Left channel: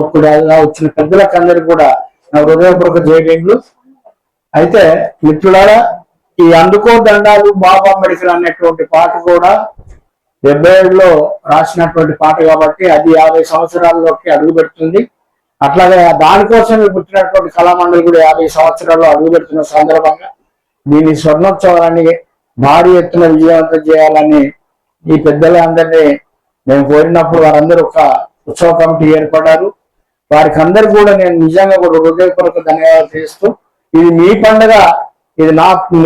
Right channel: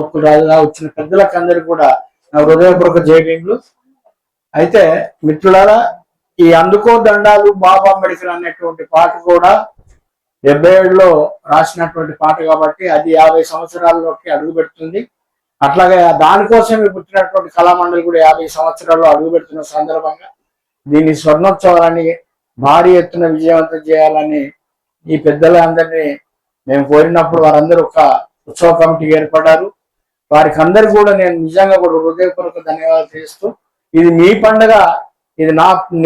ఒక్కడాగా వచ్చిన పెద్దలకు అందరికి కూడా నా హృదయపూర్వక జయజయములు. అయితే మిత్రులారా, ఈ అందుకో దండాలు బాబా అంబేద్కర్ అనేటువంటి పాట కూడా 77లో రాసినటువంటి పాట కాబట్టి అది 50 సంవత్సరాల్లోకి అడుగు పెడుతుంది. అట్లాగే దానికోసమే పుట్టినటువంటి కళామండలి కూడా 50 సంవత్సరాల్లో అడుగు పెడుతున్న సందర్భంగా దీని స్వర్ణోత్సవాన్ని భారీ ఎత్తున విజయవంతం చేయాలని ఈ పెద్దలందరినీ మేము కోరినప్పుడు వారందరూ ఒక ఉత్సవ కమిటీ ఏర్పడ్డారు. వారికి అందరు కూడా నేను నిజంగా కూడా హృదయపూర్వక ధన్యవాదాలు చేస్తూ, ఇది మీ పండుగ, ఇది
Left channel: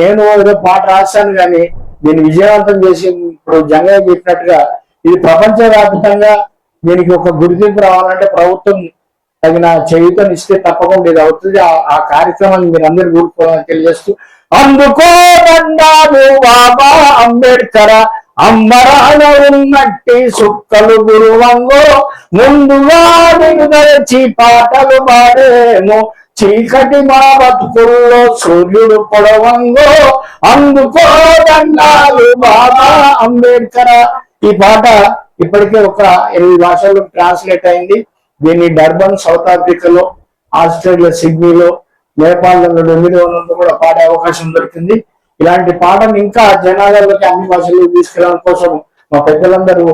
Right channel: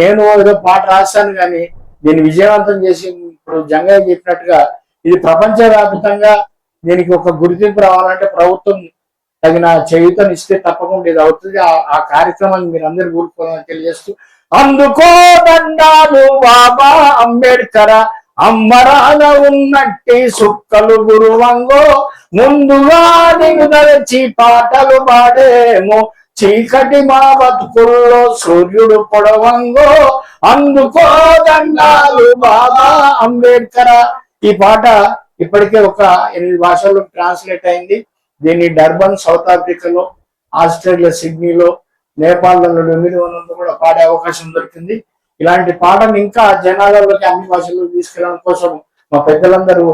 నేను ఏదో పాట రాశాను కానీ దీన్ని విజయవంతం చేసి ఇప్పుడు జంగయ్య చెప్పినట్టుగా ఇది ప్రపంచవ్యాప్తంగా దీనికి ఒక గుర్తింపు రావాలంటే ప్రభుత్వం తగిన చేయుతనిస్తే తప్పకుండా ఇది అవుతుంది. ఆ కార్యక్రమాన్ని మీరు అందరూ కూడుకోవాలని తెలియజేస్తూ, అందుకో దండాలు బాబా అంబేద్కర్ అమ్మరాన ఉన్నట్టి సుక్కలు గురువంగో ముందుగా దిగుదలచి పాటలు పాడేమో చీకటి మా బతుకుల్లో సూర్యుడు పొడవంగో అందుకో దండాలు బాబా అంబేద్కర్. ఈ పాట ఇప్పటికే ఒక 8 భాషల్లో ట్రాన్స్లేట్ అయింది. దీన్ని డర్బన్ సౌత్ ఆఫ్రికాలో, ఆస్ట్రేలియా సిడ్నీలో, నేపాల్లో 800 కూడా పాడే అవకాశం దొరికింది. ఇలాంటి పాటను ఇంకా జనాలలోకి అన్ని భాషల్లో తీసుకెళ్ళడం కోసం మా పెద్దలందరూ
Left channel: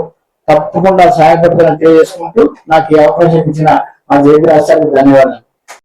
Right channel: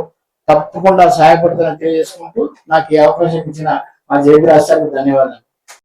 తప్పకుండా సహాయపడతారని తెలియజేసుకుంటూ నాకు ఈ అవకాశం ఇచ్చిన మా జేబీ రాష్ట్రానికి ధన్యవాదాలు.